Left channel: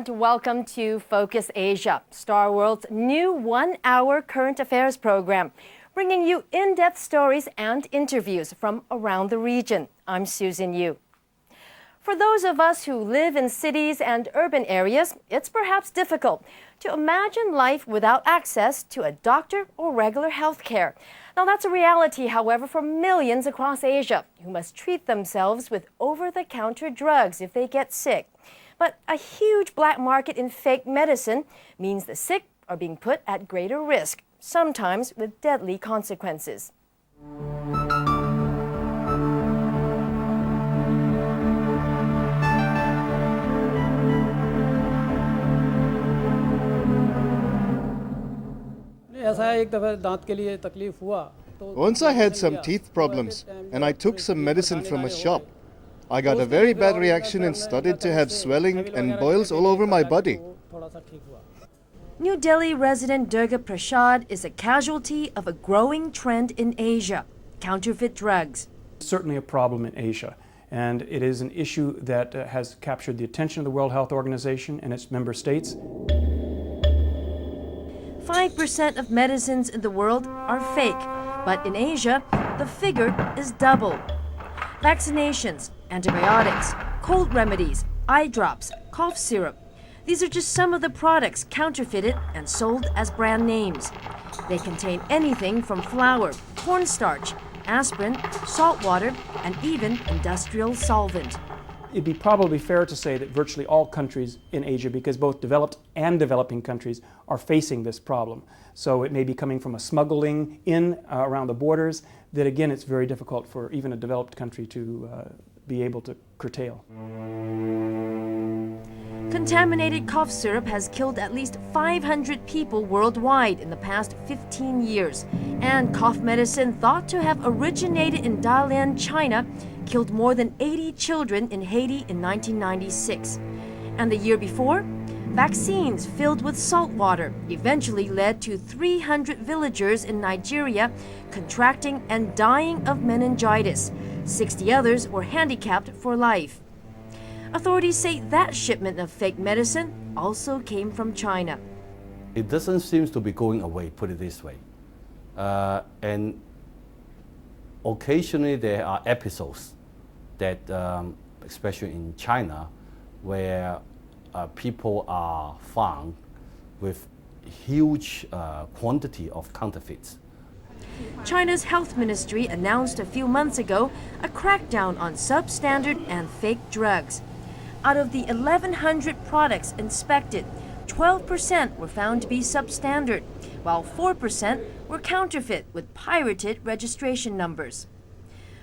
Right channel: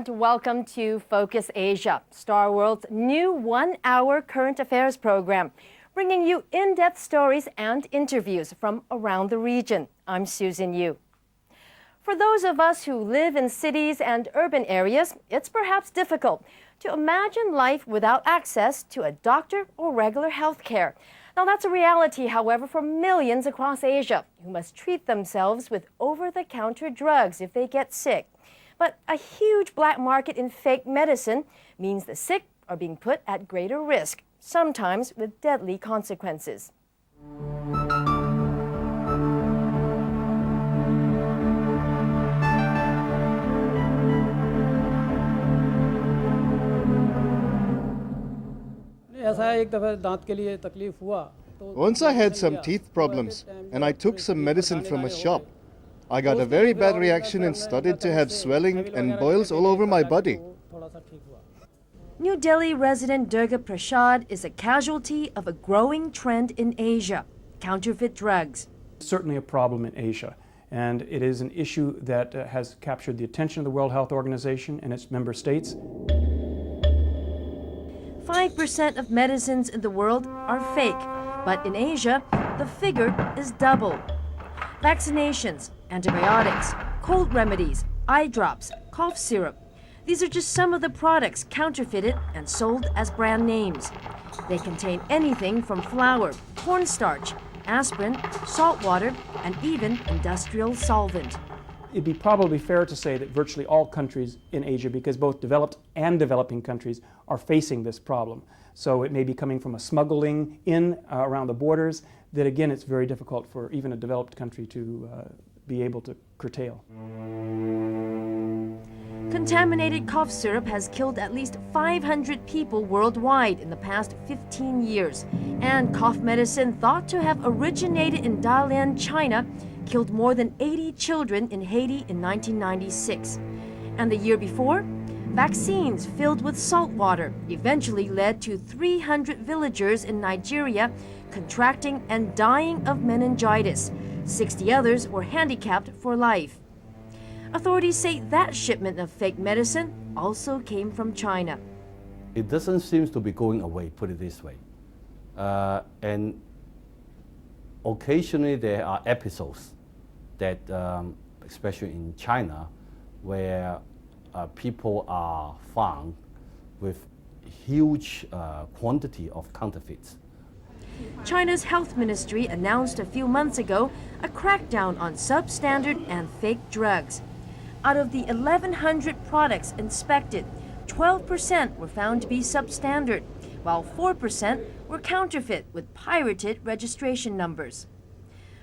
and welcome to Focus Asia, Star World's new one-hour current affairs program, bringing you in-depth stories and interviews from around the region. I'm Susan Yu. For those of us who live in cities and urban areas, it's perhaps difficult to imagine life without access to a doctor or regular health care. Now, that's a reality, however, for millions across Asia who must treat themselves with over-the-counter drugs if they get sick. But a huge black market in fake medicine means the sick are being put at greater risk, sometimes with deadly consequences. Once I had some teeth problems and I took some medicine from a shop. I got a very bad reaction and started to have swelling and boils all over my body. New Delhi resident Durga Prasad is a casualty of a growing trend in Asia, counterfeit drugs. It's certainly a problem in Asia, and it is an issue that has captured the attention of the World Health Organization and its member states. 5% of medicines in the world are fake, but in Asia, the figure is double. Vaccinations, antibiotics, cold remedies, eye drops, cough syrup. These are just some of the products counterfeited and sold as brand names. They contain anything from flour, cornstarch, aspirin, salt water, and even industrial solvent. It'd be probably fair to say that virtually all countries in Asia, because both developed and developing countries are facing this problem. So it may be coming from a smuggling in around the borders that, again, it's very difficult for even a developed country to be able to curtail. Contaminated cough syrup has killed at least 500 people worldwide in the past 15 years. And cough medicine thought to have originated in Dalian, China, killed more than 80 children in Haiti in 1996. And the year before, vaccines filled with salt water eventually led to 300 villagers in Nigeria contracting and dying of meningitis. 60 others were handicapped for life. Authorities say that shipment of fake medicine also came from China. It doesn't seem to be going away, put it this way. And occasionally there are episodes that, especially in China, where people are found with huge quantity of counterfeits. China's health ministry announced a few months ago a crackdown on substandard and fake drugs. Out of the 1,100 products inspected, 12% were found to be substandard, while 4% were counterfeit with pirated registration numbers.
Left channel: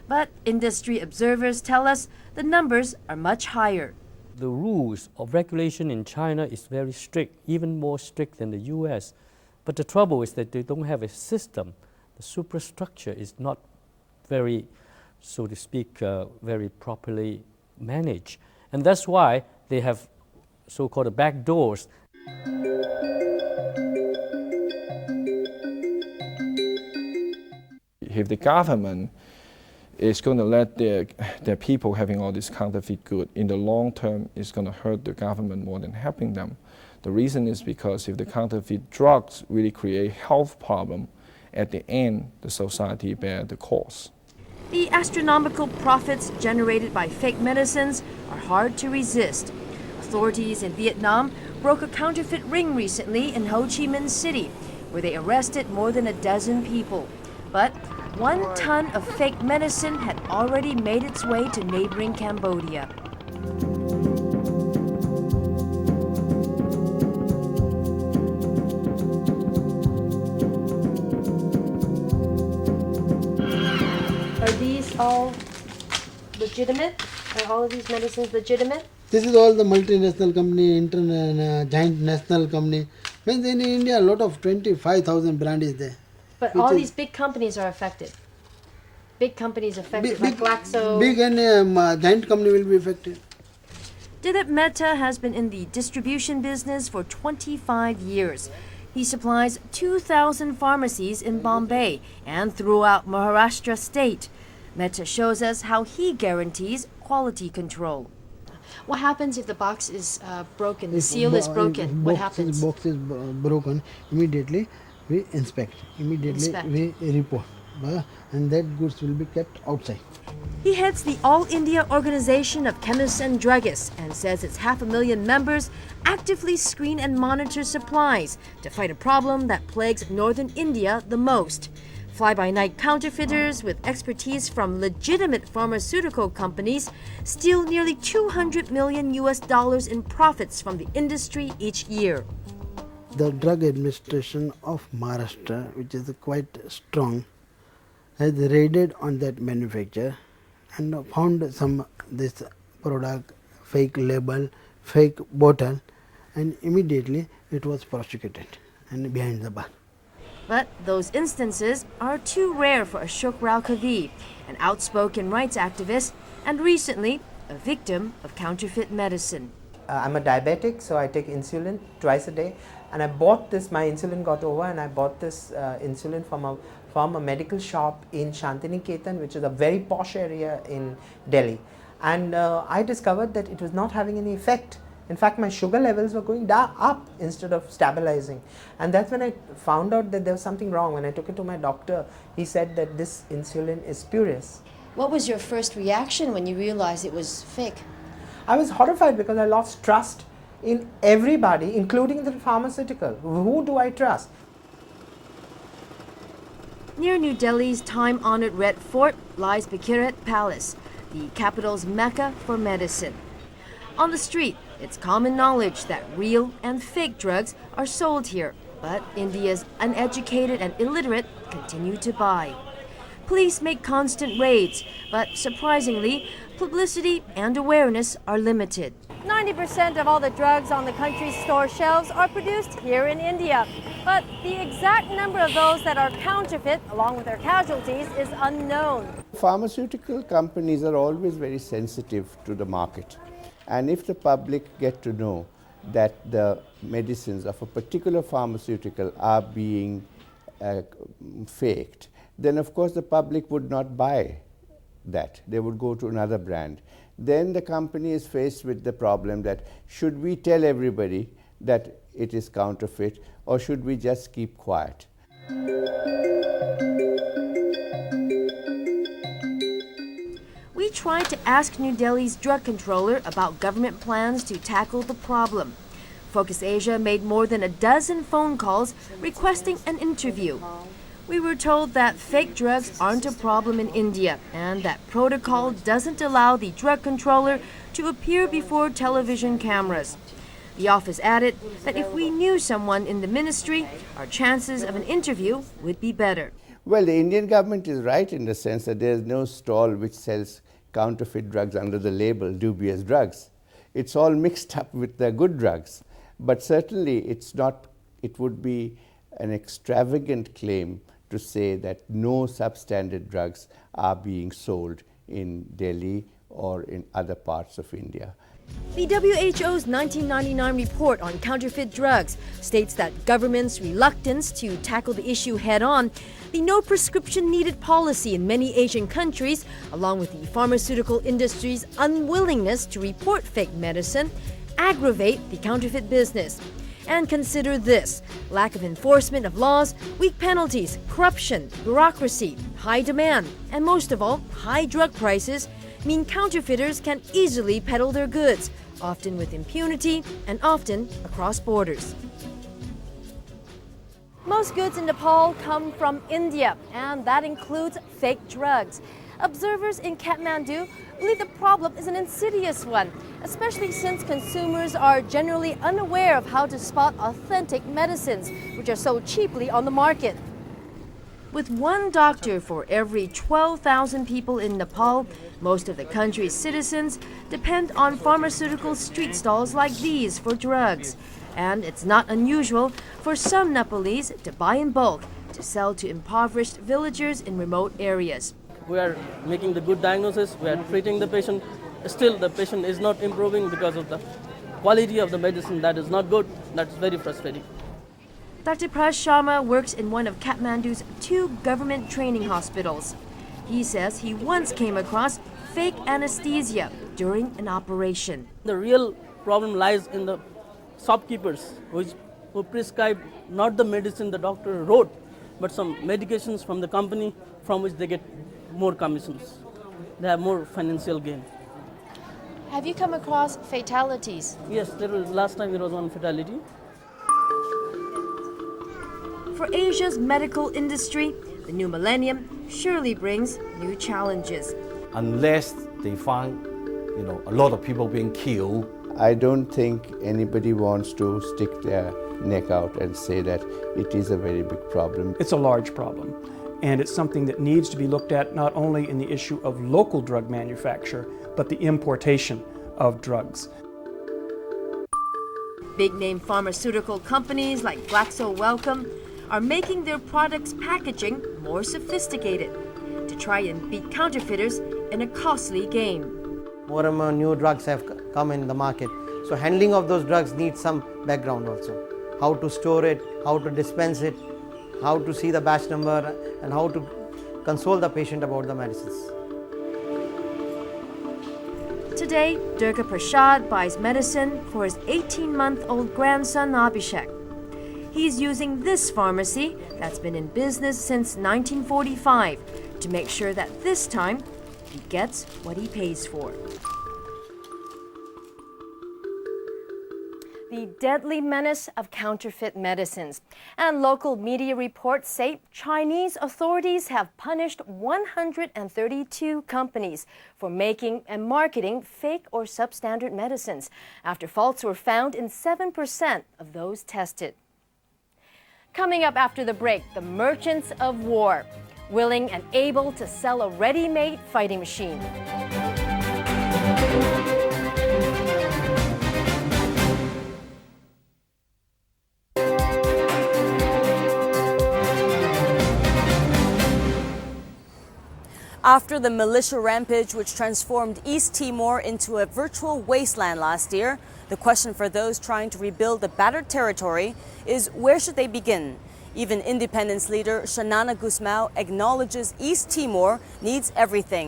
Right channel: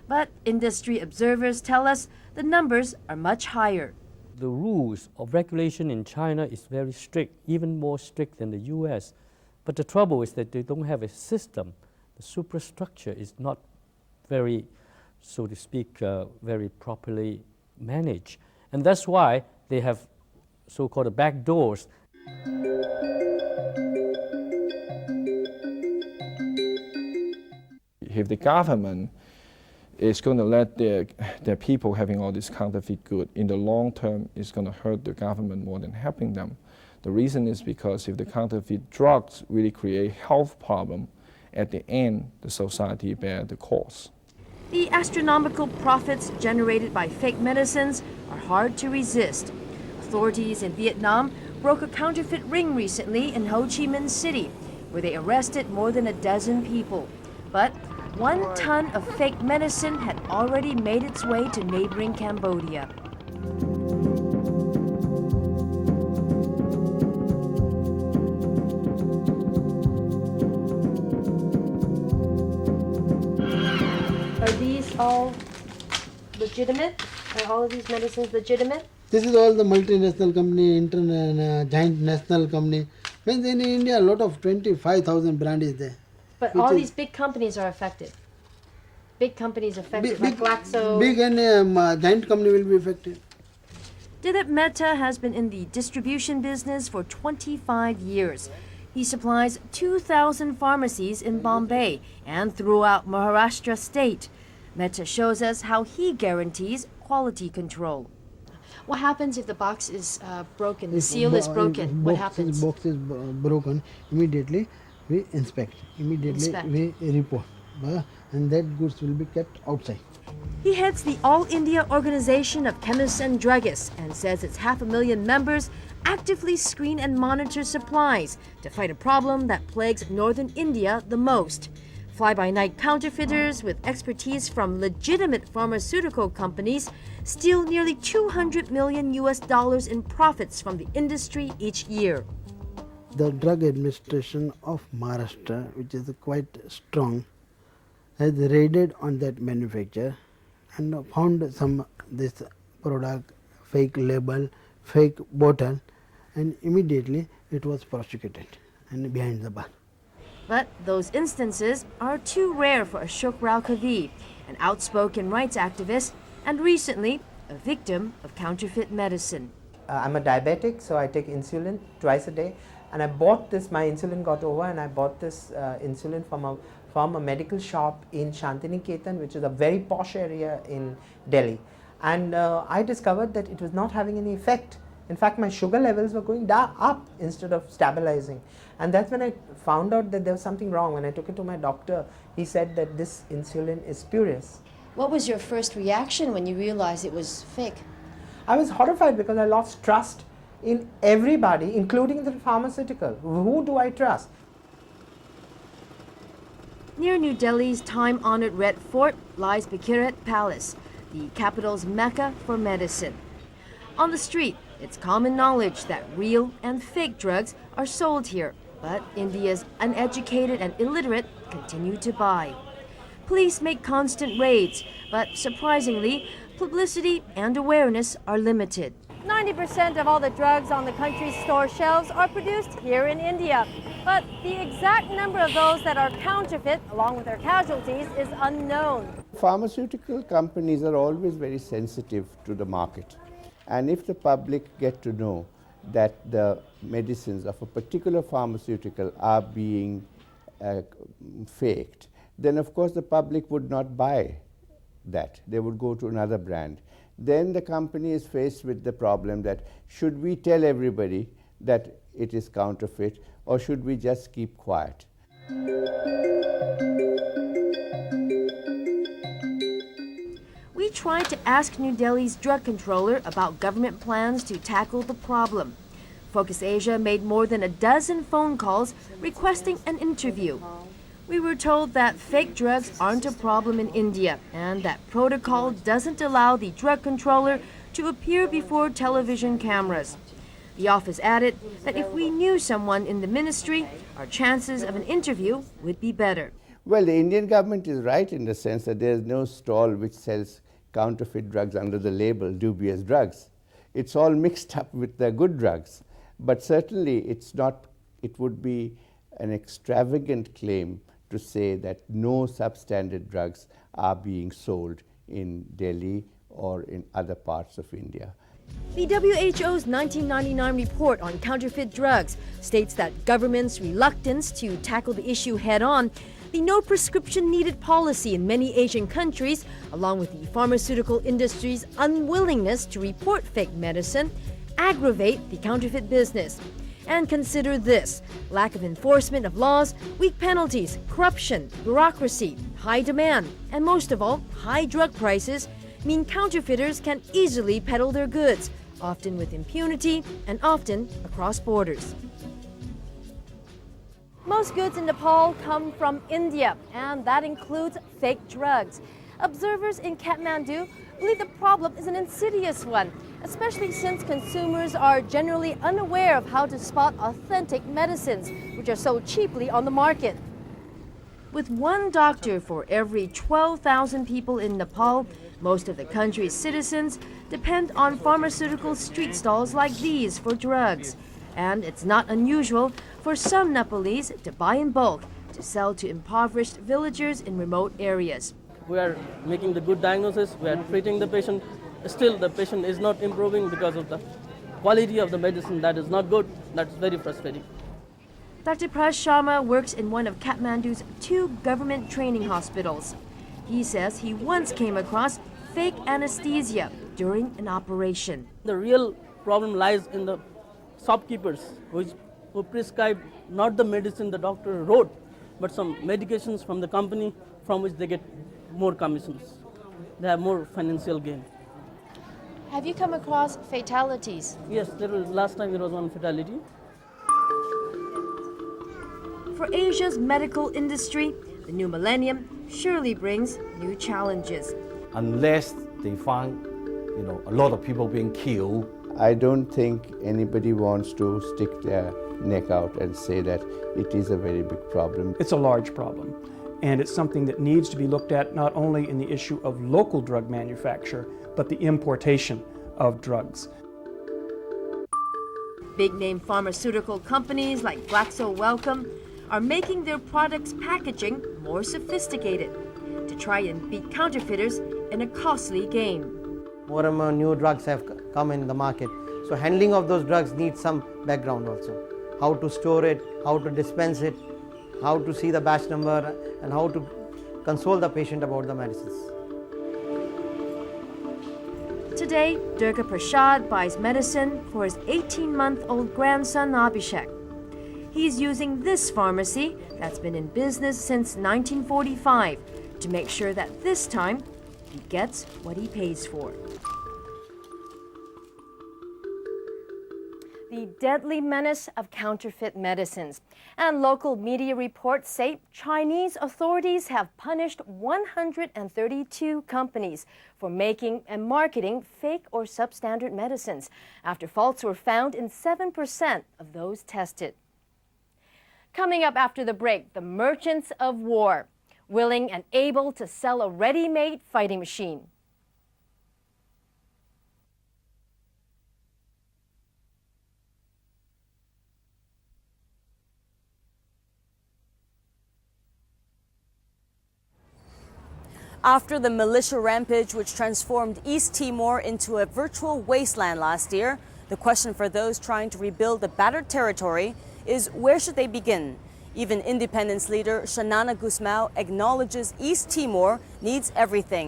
But industry observers tell us the numbers are much higher. The rules of regulation in China is very strict, even more strict than the US. But the trouble is that they don't have a system. The superstructure is not very, so to speak, very properly managed. And that's why they have so-called back doors. If the government is going to let their people having all this counterfeit good, in the long term, it's going to hurt the government more than helping them. The reason is because if the counterfeit drugs really create health problem, at the end, the society bear the cost. The astronomical profits generated by fake medicines are hard to resist. Authorities in Vietnam broke a counterfeit ring recently in Ho Chi Minh City, where they arrested more than a dozen people. But 1 ton of fake medicine had already made its way to neighboring Cambodia. Are these all legitimate? Are all of these medicines legitimate? This is all the multinational company, giant national company. Means in India, a lot of 25,000 brand is there. But all these big companies are affected. Big companies affected, like Glaxo. Big and giant company will be affected. Dilip Mehta has been in the distribution business for 25 years. He supplies 2,000 pharmacies in Bombay and throughout Maharashtra state. Mehta shows us how he guarantees quality control. What happens if the box is broken, the seal is broken? What happens? Box is broken, immediately we inspect, immediately we report, and that goods will be kept outside. He heads the All India Organization of Chemists and Druggists and says its 500,000 members actively screen and monitor supplies to fight a problem that plagues northern India the most. Fly-by-night counterfeiters with expertise from legitimate pharmaceutical companies steal nearly $200 million in profits from the industry each year. The Drug Administration of Maharashtra, which is quite strong, has raided on that manufacturer and found this product, fake label, fake bottle, and immediately it was prosecuted and behind the bar. But those instances are too rare for Ashok Rao Kavi, an outspoken rights activist and recently a victim of counterfeit medicine. I'm a diabetic, so I take insulin twice a day. And I bought this, my insulin got over, and I bought this insulin from a medical shop in Shantiniketan, which is a very posh area in Delhi. And I discovered that it was not having any effect. In fact, my sugar levels were going up instead of stabilizing. And that's when I found out that there was something wrong. When I took it to my doctor, he said that this insulin is spurious. What was your first reaction when you realized it was fake? I was horrified because I lost trust in everybody, including the pharmaceutical. Who do I trust? Near New Delhi's time-honored Red Fort lies Bhakirat Palace, the capital's mecca for medicine. On the street, it's common knowledge that real and fake drugs are sold here, but India's uneducated and illiterate continue to buy. Police make constant raids, but surprisingly, publicity and awareness are limited. 90% of all the drugs on the country's store shelves are produced here in India, but the exact number of those that are counterfeit, along with their casualties, is unknown. Pharmaceutical companies are always very sensitive to the market. And if the public get to know that the medicines of a particular pharmaceutical are being faked, then of course the public would not buy that. They would go to another brand. Then the company is faced with the problem that should we tell everybody that it is counterfeit, or should we just keep quiet? We tried to ask New Delhi's drug controller about government plans to tackle the problem. Focus Asia made more than a dozen phone calls requesting an interview. We were told that fake drugs aren't a problem in India and that protocol doesn't allow the drug controller to appear before television cameras. The office added that if we knew someone in the ministry, our chances of an interview would be better. Well, the Indian government is right in the sense that there is no stall which sells counterfeit drugs under the label dubious drugs. It's all mixed up with the good drugs. But certainly it would be an extravagant claim to say that no substandard drugs are being sold in Delhi or in other parts of India. The WHO's 1999 report on counterfeit drugs states that governments' reluctance to tackle the issue head-on, the no prescription needed policy in many Asian countries, along with the pharmaceutical industry's unwillingness to report fake medicine, aggravate the counterfeit business. And consider this: lack of enforcement of laws, weak penalties, corruption, bureaucracy, high demand, and most of all, high drug prices mean counterfeiters can easily peddle their goods, often with impunity and often across borders. Most goods in Nepal come from India, and that includes fake drugs. Observers in Kathmandu believe the problem is an insidious one, especially since consumers are generally unaware of how to spot authentic medicines, which are sold cheaply on the market. With one doctor for every 12,000 people in Nepal, most of the country's citizens depend on pharmaceutical street stalls like these for drugs. And it's not unusual for some Nepalese to buy in bulk to sell to impoverished villagers in remote areas. We are making the good diagnosis, we are treating the patient. Still, the patient is not improving because of the quality of the medicine that is not good. That's very frustrating. Dr. Prash Sharma works in one of Kathmandu's 2 government training hospitals. He says he once came across fake anesthesia, during an operation. The real problem lies in the shopkeepers who prescribe not the medicine the doctor wrote, but some medications from the company from which they get more commissions. They have more financial gain. Have you come across fatalities? Yes, last time there was one fatality. For Asia's medical industry, the new millennium surely brings new challenges. Unless they find, a lot of people being killed, I don't think anybody wants to stick their neck out and say that it is a very big problem. It's a large problem, and it's something that needs to be looked at not only in the issue of local drug manufacture, but the importation of drugs. Big-name pharmaceutical companies like Wellcome are making their products' packaging more sophisticated to try and beat counterfeiters in a costly game. More and more new drugs have come in the market. So handling of those drugs needs some background also. How to store it, how to dispense it, how to see the batch number, and how to console the patient about the medicines. Today, Durga Prasad buys medicine for his 18-month-old grandson Abhishek. He's using this pharmacy that's been in business since 1945 to make sure that this time he gets what he pays for. The deadly menace of counterfeit medicines. And local media reports say Chinese authorities have punished 132 companies for making and marketing fake or substandard medicines after faults were found in 7% of those tested. Coming up after the break, the merchants of war, willing and able to sell a ready-made fighting machine. After the militia rampage which transformed East Timor into a virtual wasteland last year, the question for those trying to rebuild the battered territory is where should they begin? Even independence leader Xanana Gusmao acknowledges East Timor needs everything.